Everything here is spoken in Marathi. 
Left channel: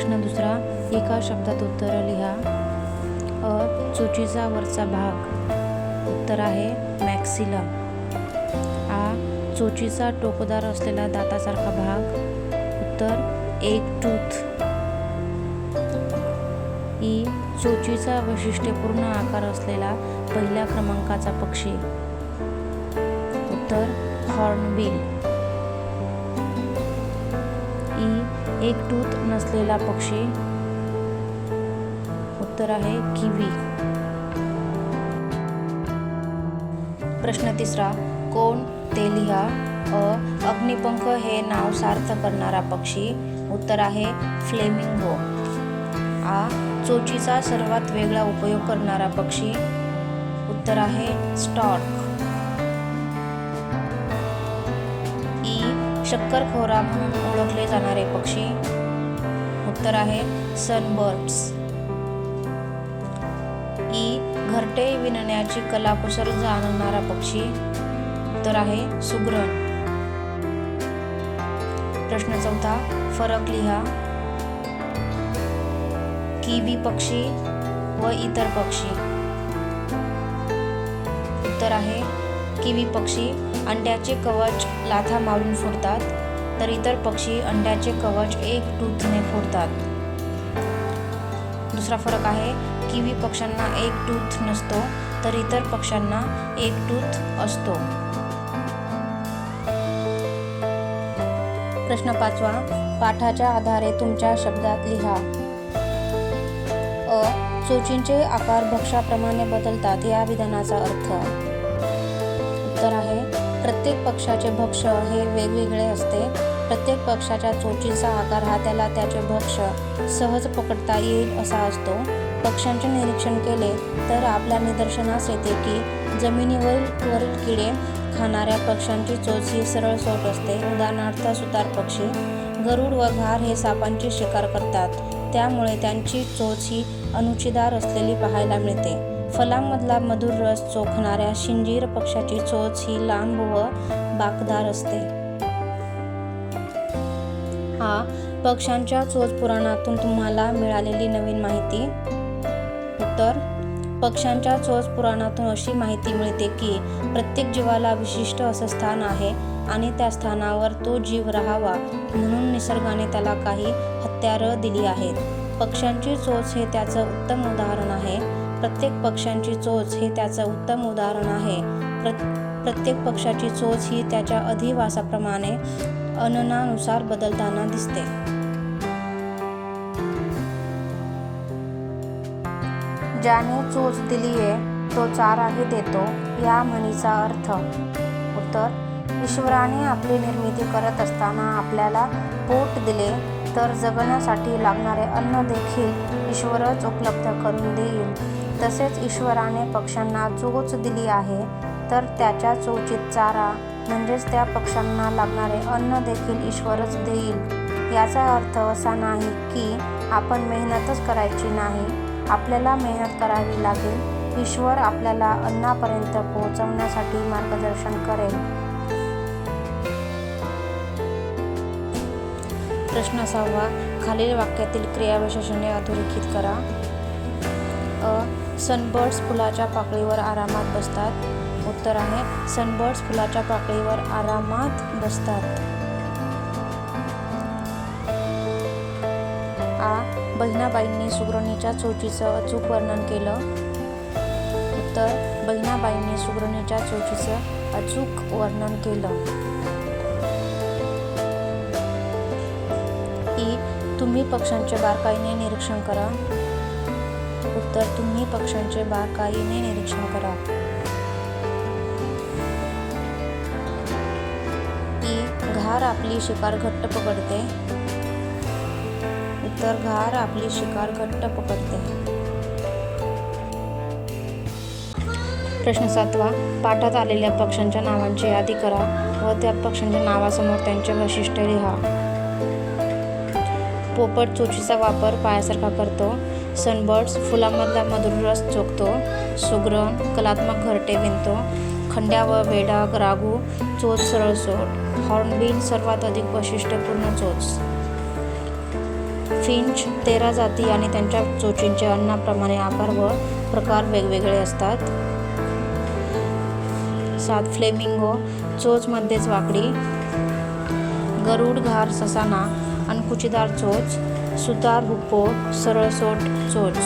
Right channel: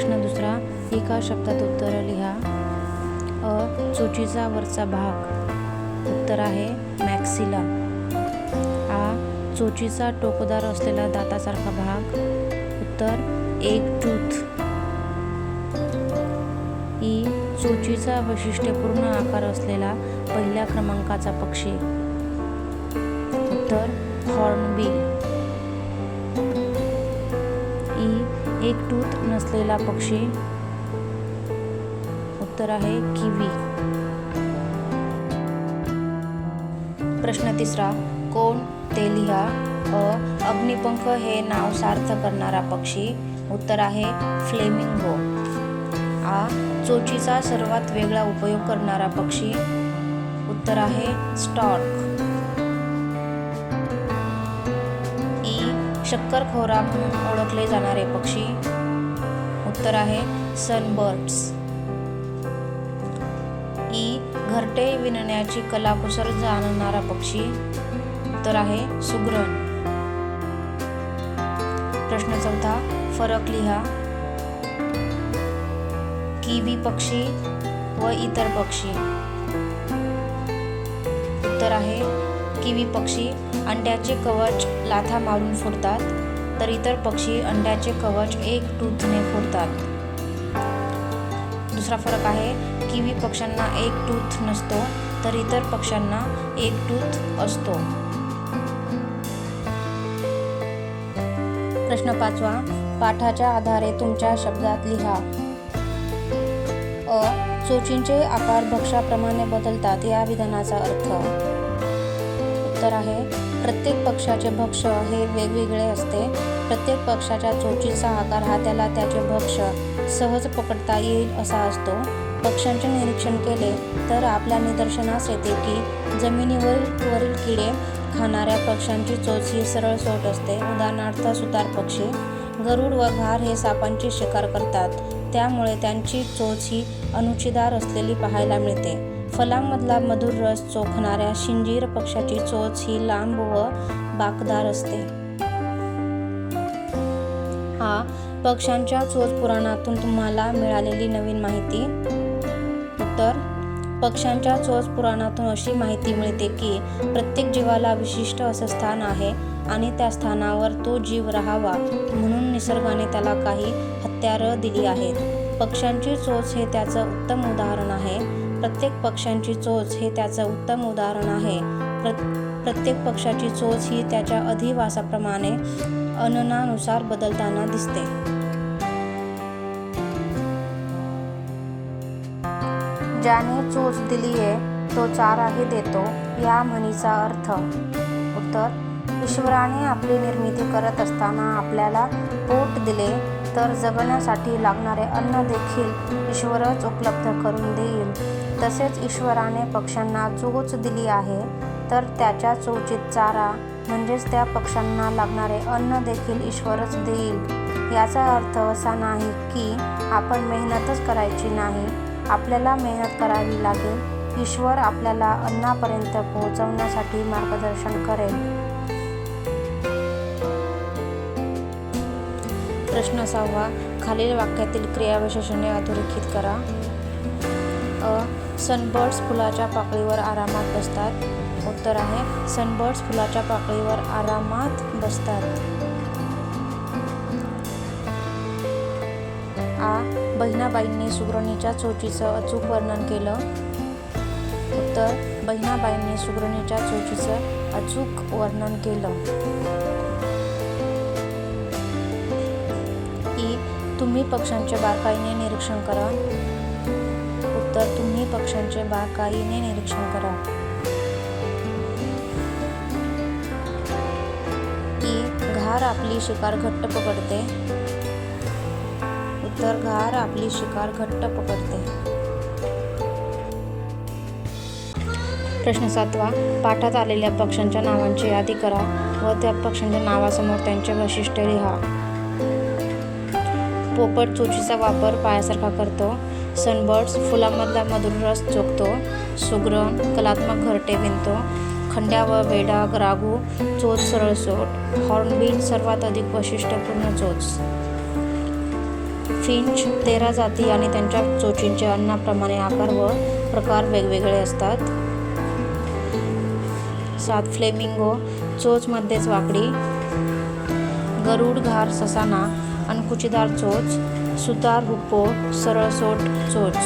प्रश्न दुसरा, एका शब्दात उत्तर लिहा. चोचीचा वरचा भाग. उत्तर आहे मॅक्सिला. चोचीचा टोकदार असलेला दातासारखा भाग. उत्तर एग टूथ. चोचीचा वैशिष्ट्यपूर्ण आकार असलेला पहिल्या क्रमांकाचा पक्षी. उत्तर हॉर्नबिल. एक टूथ नसलेला पक्षी. उत्तर आहे किवी. प्रश्न तिसरा, कोण ते लिहा. अग्निपंख हे नाव सार्थ करणारा पक्षी. उत्तर आहे फ्लेमिंगो. चोचीचा सर्वात वेगळा उपयोग करणारा पक्षी. उत्तर आहे स्टॉर्क. शक्करखोरा म्हणून ओळखले जाणारे पक्षी. उत्तर आहे सनबर्ड्स. घरटे विणण्याची कलाकुसर जाणणारा पक्षी. उत्तर आहे सुगरण. प्रश्न चौथा, फरक लिहा. किवी पक्षी व इतर पक्षी. उत्तर आहे किवी पक्षी अंड्याचे कवच लाथा मारून फोडतात, तर इतर पक्षी अंड्याचे कवच एक टूथने फोडतात. दुसरा फरक आहे, किवी पक्ष्यांना एक टूथ नसतो, तर इतर पक्ष्यांना एक टूथ असतो. प्रश्न पाचवा, पाठाच्या आधारे तुमच्या शब्दात लिहा. चोचींचे आकार भक्ष्याप्रमाणे बदलतात या विधानाचा अर्थ. उत्तर आहे प्रत्येक पक्ष्याचे भक्ष्य हे वेगवेगळे असते. प्रत्येक पक्ष्याच्या चोचीचा आकार हा त्याला त्याचे भक्ष्य सहज पकडता येईल असा असतो. पक्ष्यांचे निरीक्षण केले तर आपल्या निदर्शनास येते की जमिनीवरील किडे खाणाऱ्या पक्ष्यांची चोच ही सरळसोट असते. उदाहरणार्थ सुतार पक्षी, गरुड व घार हे सापांची शिकार करतात, त्यामुळे त्यांची चोच ही अनुचीदार असलेली पाहायला मिळते. फलांमधला मधुर रस चोखणाऱ्या शिंजीर पक्ष्याची चोच ही लांब व बाकदार असते. पक्ष्यांच्या चोच पुराणातून तुम्हाला मिळालेली नवीन माहिती. उत्तर, पक्ष्यांच्या चोच पुराणातून अशी माहिती मिळते की प्रत्येक जीवाला विशिष्ट असं स्थान आहे आणि त्या स्थानावर तो जीव राहावा म्हणून निसर्गाने त्याला काही हत्यारं दिली आहेत. पक्ष्यांची चोच हे त्याचं उत्तम उदाहरण आहे. प्रत्येक पक्ष्यांची चोच हे त्याचं उत्तम उदाहरण आहे. प्रत्येक पक्ष्याची चोच ही त्याच्या अधिवासाप्रमाणे अननानुसार बदलताना दिसते. ज्याने चोच दिलीये तो चाराही देतो या म्हणीचा अर्थ. उत्तर, ईश्वराने आपली निर्मिती करत असताना आपल्याला पोट दिले तर जगण्यासाठी लागणारे अन्न देखील ईश्वरच उपलब्ध करून देईल. तसेच ईश्वराने पक्ष्यांना चोच दिली आहे तर त्याच्या चोचीत चारा म्हणजेच त्या पक्ष्यांना लागणारे अन्न देखील ईश्वरच देईल. याचा अर्थ असा नाही की आपण मेहनतच करायची नाही, आपल्याला मेहनत करावी लागेल. ईश्वर आपल्याला अन्नापर्यंत पोहोचवण्यासाठी मार्गदर्शन करेल. प्रश्न 6, खालील वाक्यातील क्रियाविशेषणे अधोरेखित करा. सनबर्ड्स फुलाच्या पाकळीवर आरामात बसतात. उत्तर आहे सनबर्ड्स फुलाच्या पाकळीवर आरामात बसतात. बहिणाबाईंनी सुगरणीच्या चोचीचं अचूक वर्णन केलं. उत्तर, बहिणाबाईंनी सुगरणीच्या चोचीचं अचूक वर्णन केलं. तुम्ही पक्ष्यांचे बारकाईने निरीक्षण करा. उत्तर, तुम्ही पक्ष्यांचे बारकाईने निरीक्षण करा. घार आपली शिकार घट्ट पकडते. उत्तर, घार आपली शिकार घट्ट पकडते. प्रश्न 7, पाठात आलेल्या पक्ष्यांच्या नावांची यादी करा व त्या पक्ष्यांच्या नावासमोर त्यांचे वैशिष्ट्य लिहा. पोपट चोचीचा वापर पायासारखा करतो. सनबर्ड्स फुलांमधला मधुर रस चोखतो. सुगरण कलात्मक घरटे विणतो. खंड्या व वेडा रागू चोच सरळसोट. हॉर्नबिल सर्वात अधिक वैशिष्ट्यपूर्ण चोच. फिंच 13 जाती आणि त्यांच्या चोचींचे अन्नाप्रमाणे आकार व प्रकार वेगवेगळे असतात. 7 फ्लेमिंगो, चोच मध्येच वाकडी. गरुड, घार, ससाना, अणकुचीदार चोच. सुतार, हुप्पो, सरळसोट चोच.